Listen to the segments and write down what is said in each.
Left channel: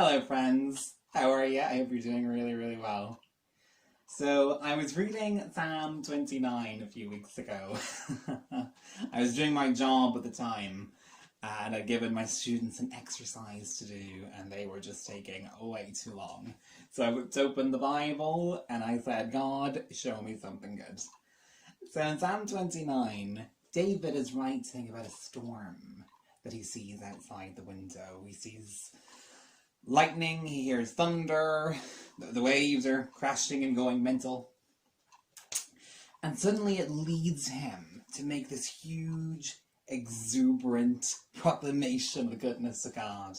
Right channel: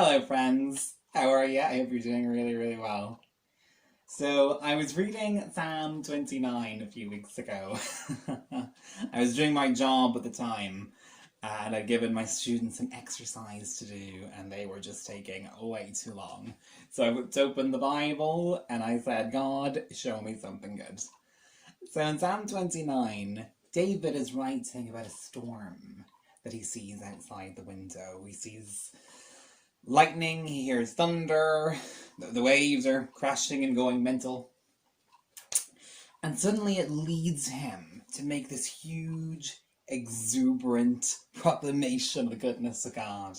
Hello friends, how are you? I hope you're doing really, really well. So, I was reading Psalm 29 a few weeks ago. I was doing my job at the time, and I'd given my students an exercise to do, and they were just taking way too long. So I whipped open the Bible, and I said, God, show me something good. So in Psalm 29, David is writing about a storm that he sees outside the window. He sees lightning, he hears thunder, the waves are crashing and going mental. And suddenly it leads him to make this huge, exuberant proclamation of the goodness of God.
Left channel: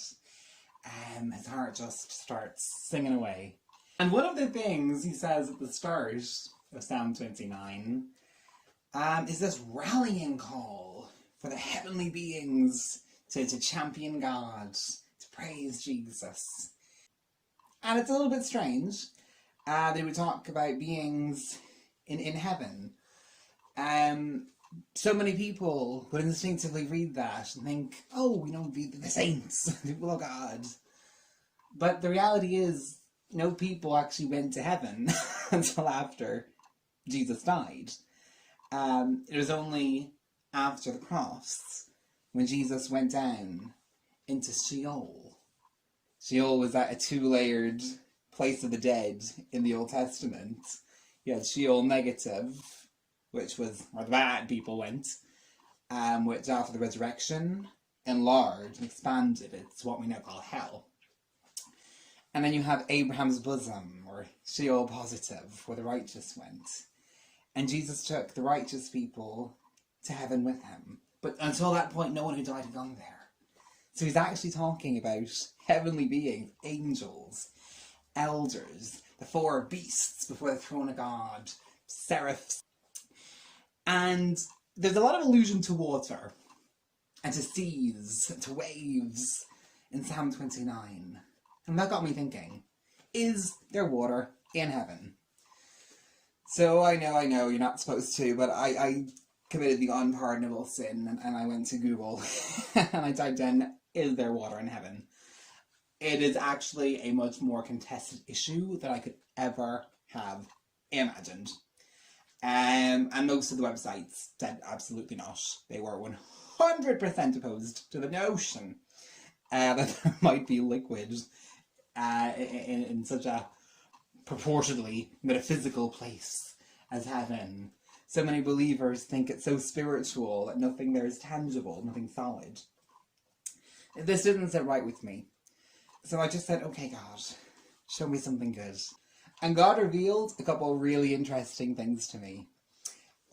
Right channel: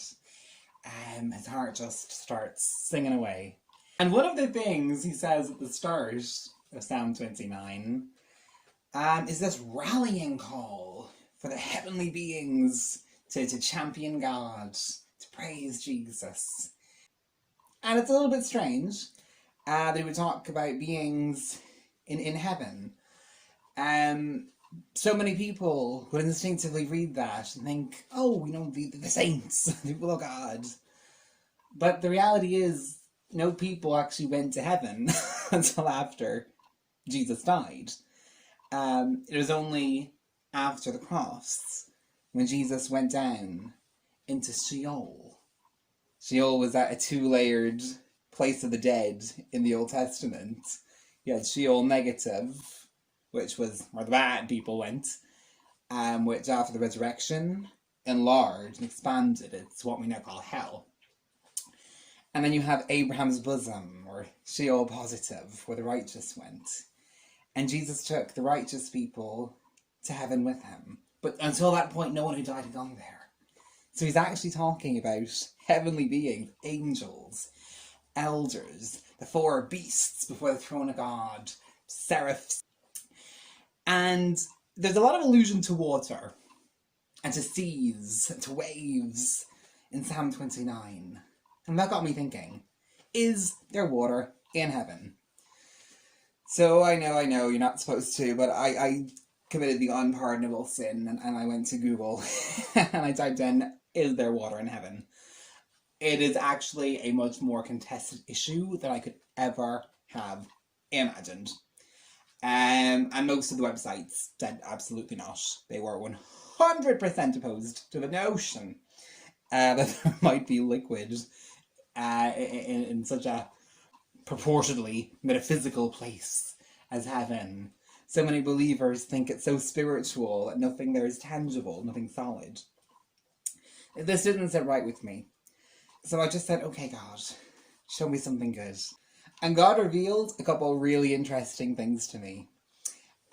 His heart just starts singing away. And one of the things he says at the start of Psalm 29 is this rallying call for the heavenly beings to champion God, to praise Jesus. And it's a little bit strange that he would talk about beings in heaven. So many people would instinctively read that and think, oh, the saints, the people of God. But the reality is, no people actually went to heaven until after Jesus died. It was only after the cross when Jesus went down into Sheol. Sheol was that a two-layered place of the dead in the Old Testament. You had Sheol negative, which was where the bad people went, which after the resurrection enlarged and expanded. It's what we now call hell. And then you have Abraham's bosom, or Sheol positive, where the righteous went. And Jesus took the righteous people to heaven with him. But until that point, no one who died had gone there. So he's actually talking about heavenly beings, angels, elders, the four beasts before the throne of God, seraphs. And there's a lot of allusion to water, and to seas, and to waves in Psalm 29. And that got me thinking, is there water in heaven? So I know, you're not supposed to, but I committed the unpardonable sin, and I went to Google, and I typed in, is there water in heaven? It is actually a much more contested issue than I could ever have imagined. And most of the websites said absolutely not. They were 100% opposed to the notion that there might be liquid in such a purportedly metaphysical place as heaven. So many believers think it's so spiritual that nothing there is tangible, nothing solid. This didn't sit right with me. So I just said, okay, God, show me something good. And God revealed a couple of really interesting things to me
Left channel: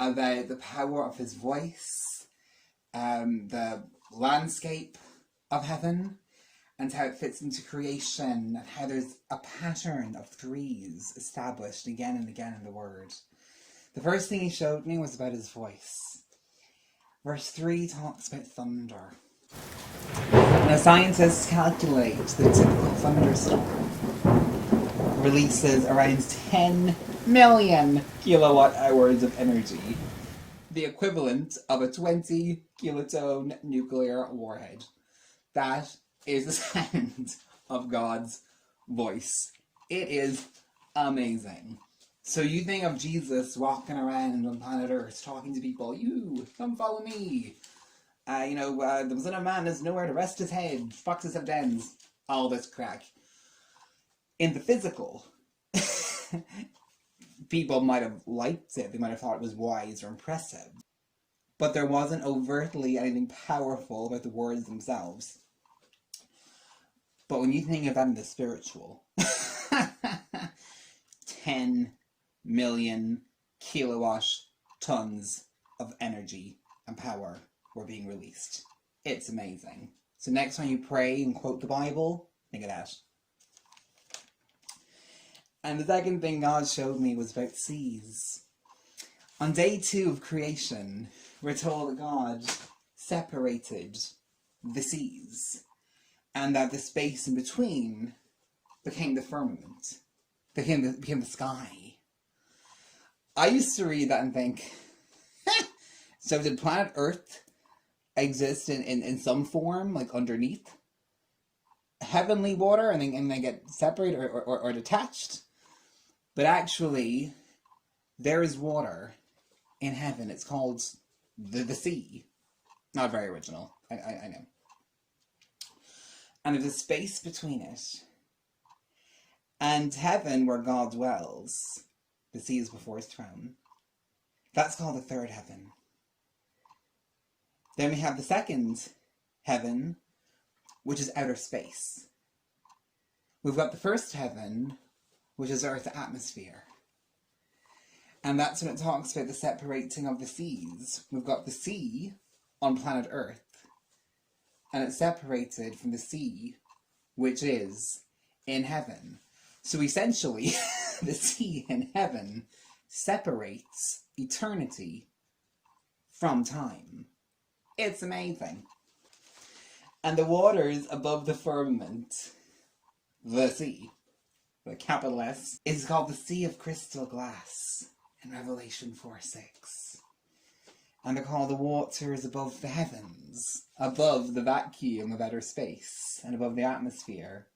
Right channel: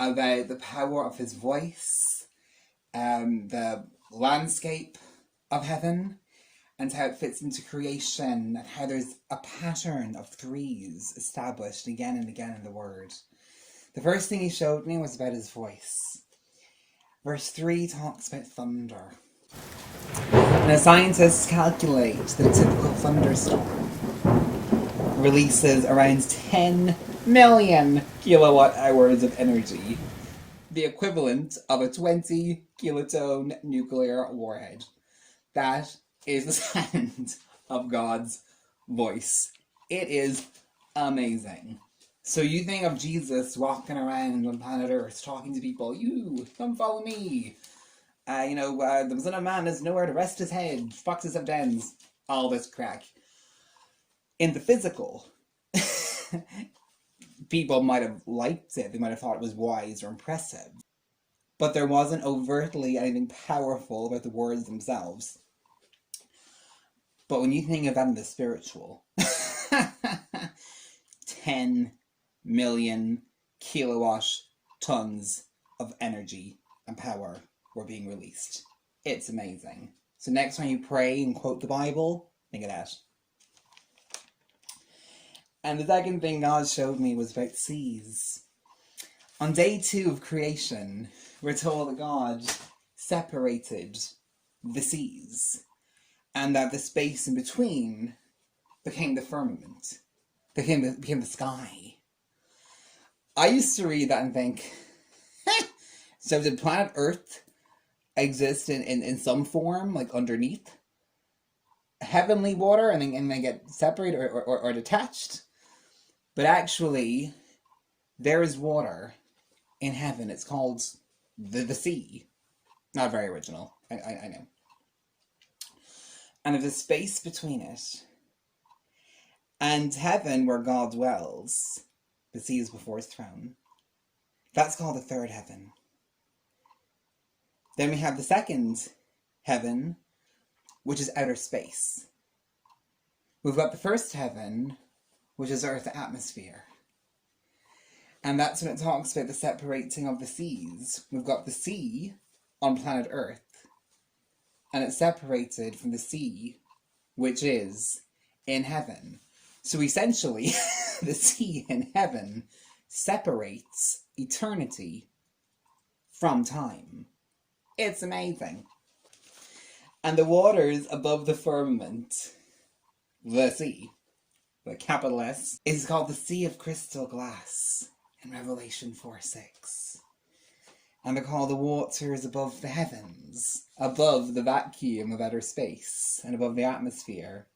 about the power of his voice, the landscape of heaven, and how it fits into creation, and how there's a pattern of threes established again and again in the Word. The first thing he showed me was about his voice. Verse 3 talks about thunder. Now, scientists calculate that a typical thunderstorm releases around 10 million kilowatt hours of energy, the equivalent of a 20 kiloton nuclear warhead. That is the sound of God's voice. It is amazing. So you think of Jesus walking around on planet Earth talking to people, you, come follow me. The Son of Man has nowhere to rest his head, foxes have dens, all this crack. In the physical, people might have liked it, they might have thought it was wise or impressive. But there wasn't overtly anything powerful about the words themselves. But when you think of that in the spiritual, 10 million kilowatt tons of energy and power were being released. It's amazing. So next time you pray and quote the Bible, think of that. And the second thing God showed me was about seas. On day 2 of creation, we're told that God separated the seas, and that the space in between became the firmament, became the sky. I used to read that and think, so did planet Earth exist in some form, like underneath? heavenly water and they get separated or detached. But actually, there is water in heaven. It's called the sea. Not very original, I know. And there's a space between it and heaven where God dwells. The sea is before his throne. That's called the third heaven. Then we have the second heaven, which is outer space. We've got the first heaven, which is Earth's atmosphere. And that's when it talks about the separating of the seas. We've got the sea on planet Earth, and it's separated from the sea, which is in heaven. So essentially, the sea in heaven separates eternity from time. It's amazing. And the waters above the firmament, the sea, the capital S, is called the Sea of Crystal Glass in Revelation 4:6. And they're called the waters above the heavens, above the vacuum of outer space, and above the atmosphere,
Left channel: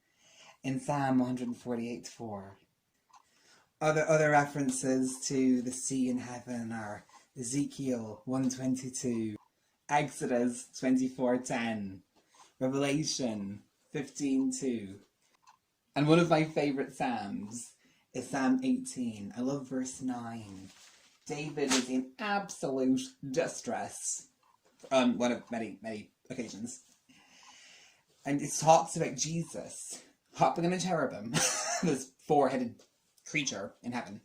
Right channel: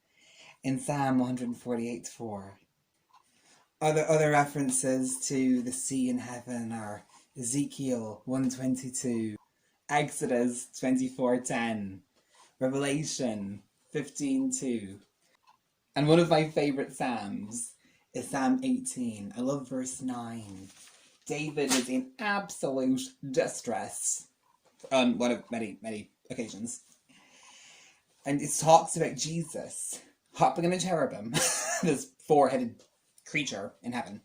in Psalm 148:4. Other references to the sea in heaven are Ezekiel 1:22, Exodus 24:10, Revelation 15:2. And one of my favourite Psalms is Psalm 18. I love verse 9. David is in absolute distress on many occasions. And it talks about Jesus hopping on a cherubim, this four-headed creature in heaven,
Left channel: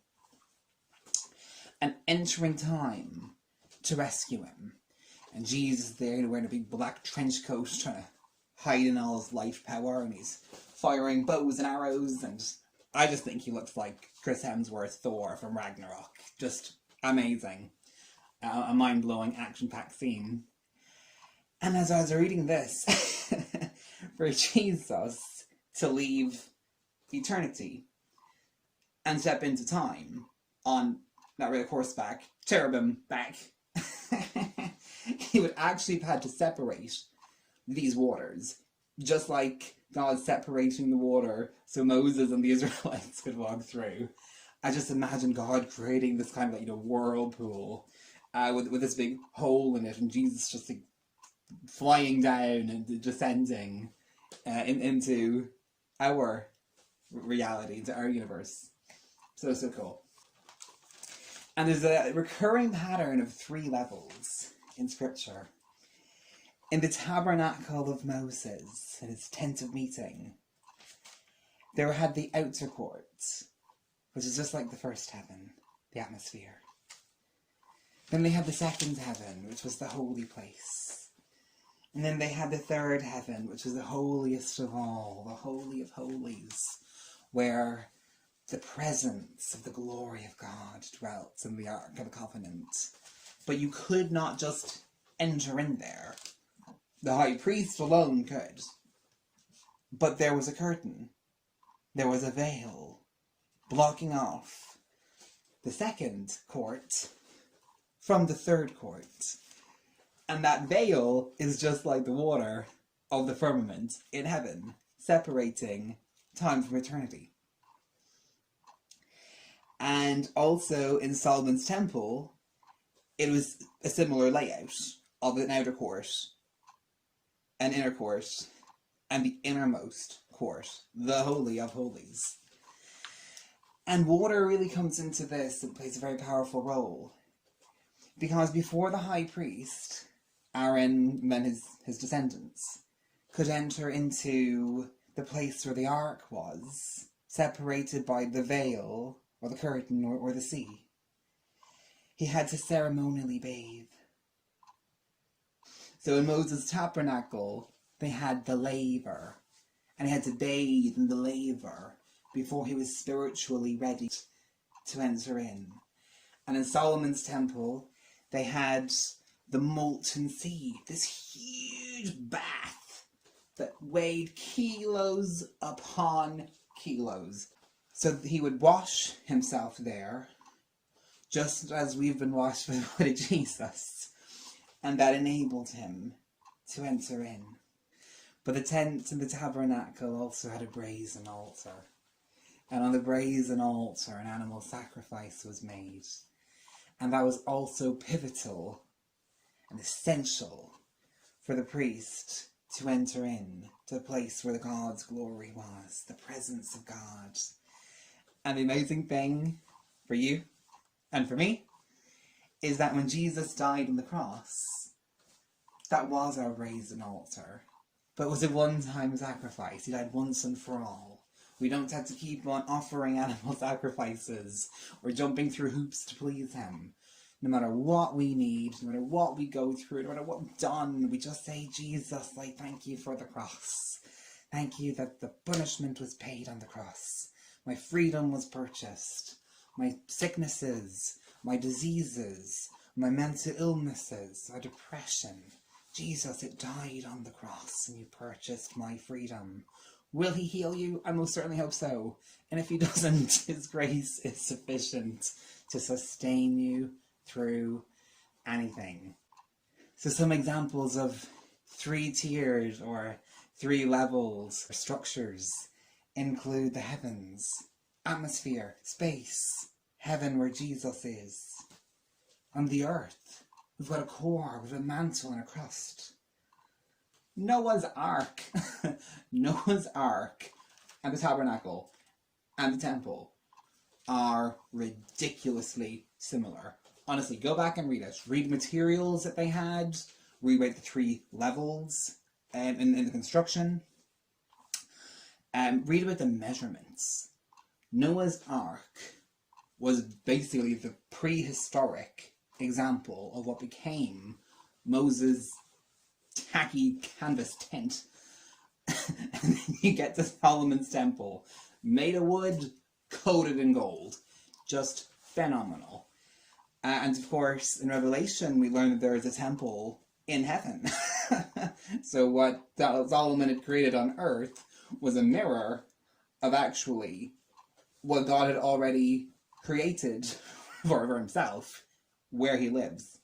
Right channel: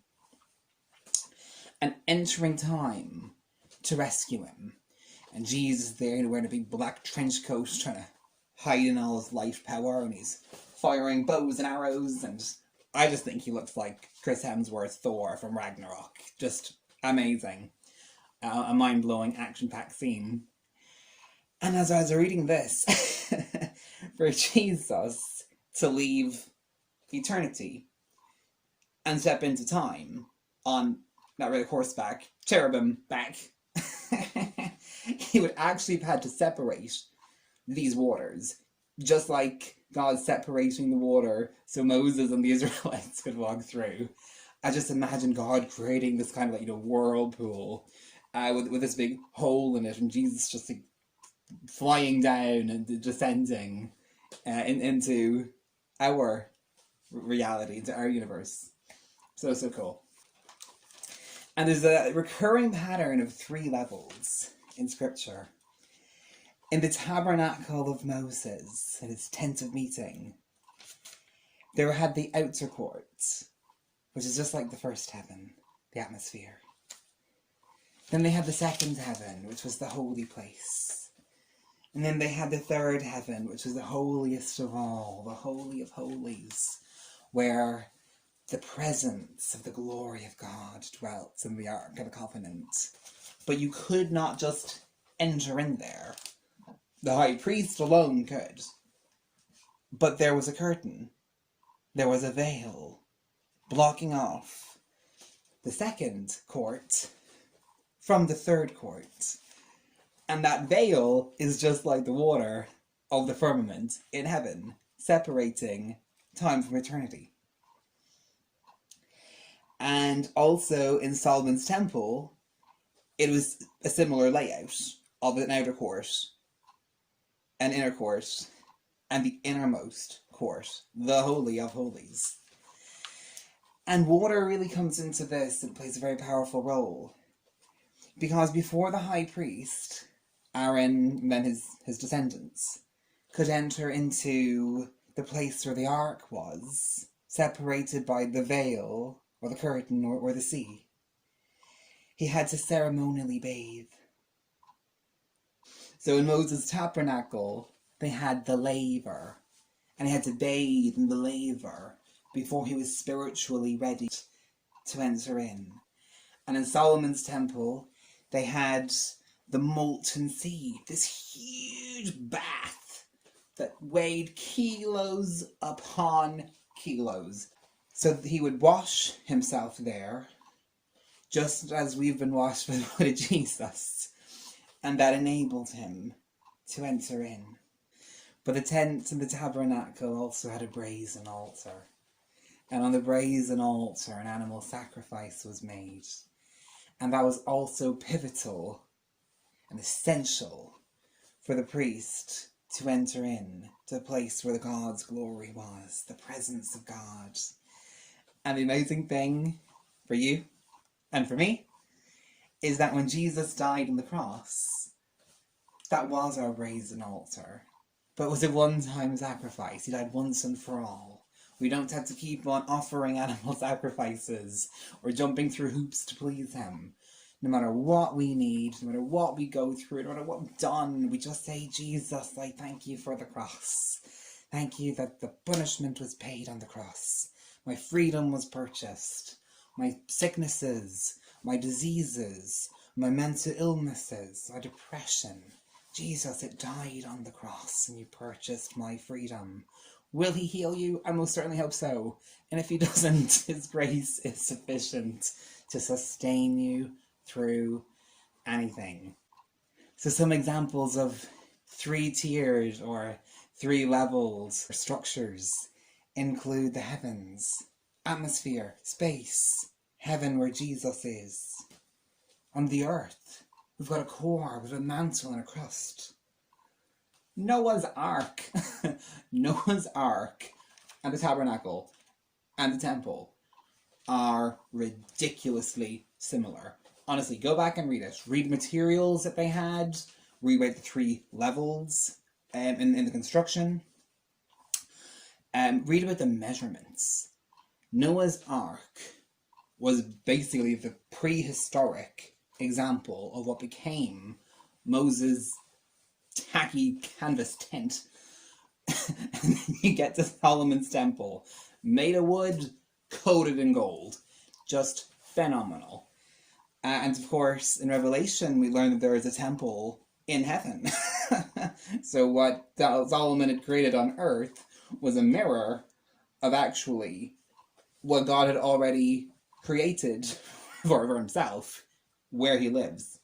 and entering time to rescue him. And Jesus is there wearing a big black trench coat, trying to hide in all his life power, and he's firing bows and arrows, and I just think he looks like Chris Hemsworth Thor from Ragnarok. Just amazing. A mind-blowing, action-packed scene. And as I was reading this, for Jesus to leave eternity and step into time on, not really horseback, cherubim back, he would actually have had to separate these waters, just like God separating the water so Moses and the Israelites could walk through. I just imagine God creating this kind of like, whirlpool with this big hole in it, and Jesus just like flying down and descending into our reality, into our universe. So cool. And there's a recurring pattern of 3 levels in Scripture. In the tabernacle of Moses, in his tent of meeting, there had the outer court, which is just like the first heaven, the atmosphere. Then they had the second heaven, which was the holy place. And then they had the third heaven, which was the holiest of all, the Holy of Holies, where the presence of the glory of God dwelt in the Ark of the Covenant. But you could not just enter in there. The high priest alone could. But there was a curtain. There was a veil blocking off the second court from the third court. And that veil is just like the water of the firmament in heaven, separating time from eternity. And also in Solomon's temple, it was a similar layout of an outer court, an inner court, and the innermost court, the Holy of Holies. And water really comes into this and plays a very powerful role. Because before the high priest, Aaron and then his descendants, could enter into the place where the ark was, separated by the veil, or the curtain, or the sea, he had to ceremonially bathe. So in Moses' tabernacle, they had the laver, and he had to bathe in the laver before he was spiritually ready to enter in. And in Solomon's temple, they had the molten sea, this huge bath that weighed kilos upon kilos. So he would wash himself there, just as we've been washed by the blood of Jesus, and that enabled him to enter in. But the tent and the tabernacle also had a brazen altar. And on the brazen altar, an animal sacrifice was made. And that was also pivotal and essential for the priest to enter in to the place where the God's glory was, the presence of God. And the amazing thing for you and for me is that when Jesus died on the cross, that was our brazen altar. But it was a one-time sacrifice. He died once and for all. We don't have to keep on offering animal sacrifices or jumping through hoops to please him. No matter what we need, no matter what we go through, no matter what we've done, we just say, Jesus, I thank you for the cross. Thank you that the punishment was paid on the cross. My freedom was purchased. My sicknesses, my diseases, my mental illnesses, my depression. Jesus, it died on the cross and you purchased my freedom. Will he heal you? I most certainly hope so. And if he doesn't, his grace is sufficient to sustain you through anything. So some examples of 3-tiered or 3 levels or structures include the heavens, atmosphere, space, heaven where Jesus is. On the earth, we've got a core, we've got a mantle and a crust. Noah's Ark. Noah's Ark and the tabernacle and the temple are ridiculously similar. Honestly, go back and read it. Read the materials that they had. Read about the 3 levels in the construction. Read about the measurements. Noah's Ark was basically the prehistoric example of what became Moses' tacky canvas tent. And then you get to Solomon's temple, made of wood, coated in gold. Just phenomenal. And of course, in Revelation, we learn that there is a temple in heaven. So what Solomon had created on earth was a mirror of actually what God had already created for himself, where he lives.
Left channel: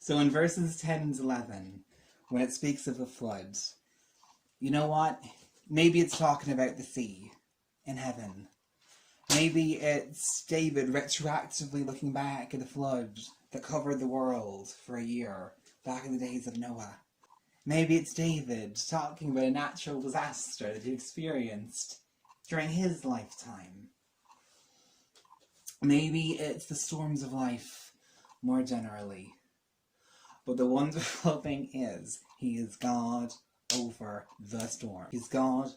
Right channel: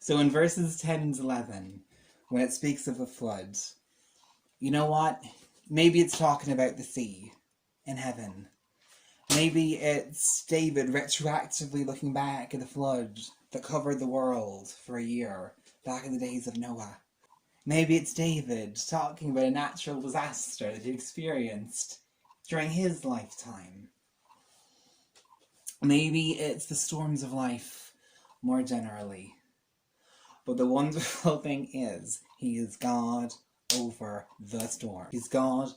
So in verses 10 and 11, when it speaks of a flood, you know what? Maybe it's talking about the sea in heaven. Maybe it's David retroactively looking back at the flood that covered the world for a year, back in the days of Noah. Maybe it's David talking about a natural disaster that he experienced during his lifetime. Maybe it's the storms of life more generally. But the wonderful thing is, he is God over the storm. He's God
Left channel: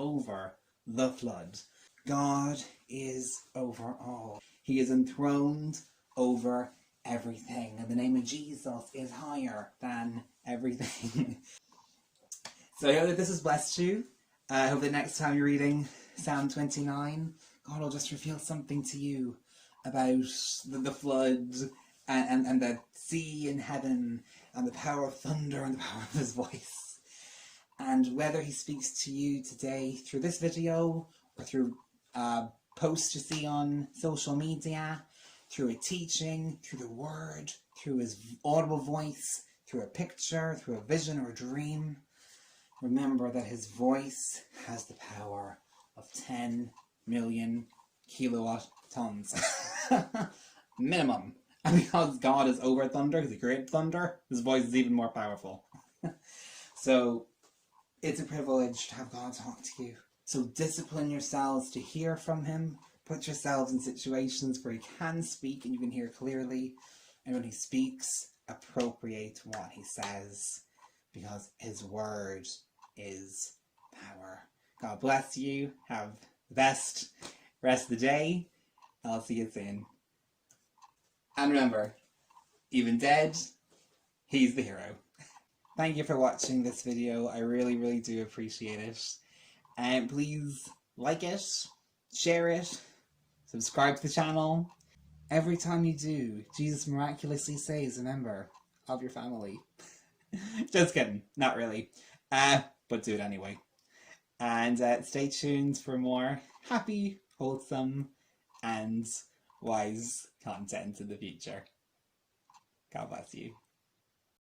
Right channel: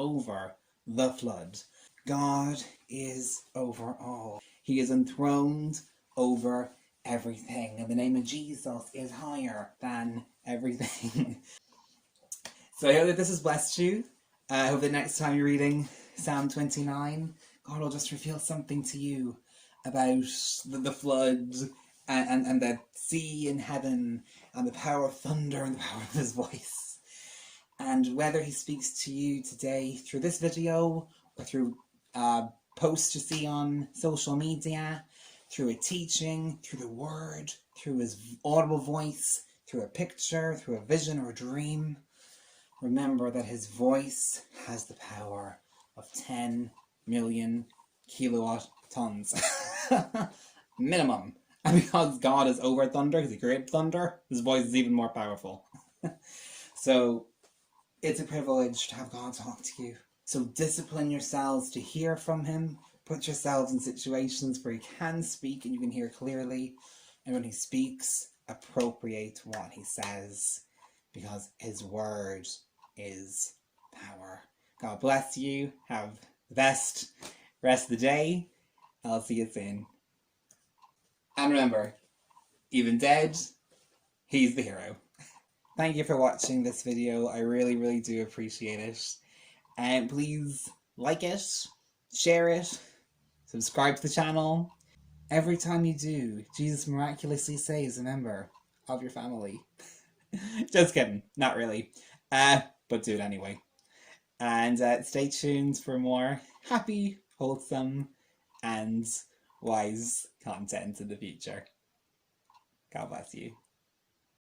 over the flood. God is over all. He is enthroned over everything. And the name of Jesus is higher than everything. So I hope that this has blessed you. I hope that next time you're reading Psalm 29, God will just reveal something to you about the flood and the sea in heaven and the power of thunder and the power of his voice. And whether he speaks to you today through this video or through posts you see on social media, through a teaching, through the word, through his audible voice, through a picture, through a vision or a dream, remember that his voice has the power of 10 million kilowatt tons. Minimum. And because God is over thunder, because he created thunder, his voice is even more powerful. So it's a privilege to have God talk to you. So discipline yourselves to hear from him. Put yourselves in situations where he can speak and you can hear clearly. And when he speaks, appropriate what he says, because his word is power. God bless you. Have the best rest of the day. I'll see you soon. And remember, even dead, he's the hero. Thank you for watching this video. I really, really do appreciate it. And please like it, share it, subscribe to the channel. Every time you do, Jesus miraculously saves a member of your family. Just kidding, not really. But do it anyway. And stay tuned for more happy, wholesome, and wise content in the future. God bless you.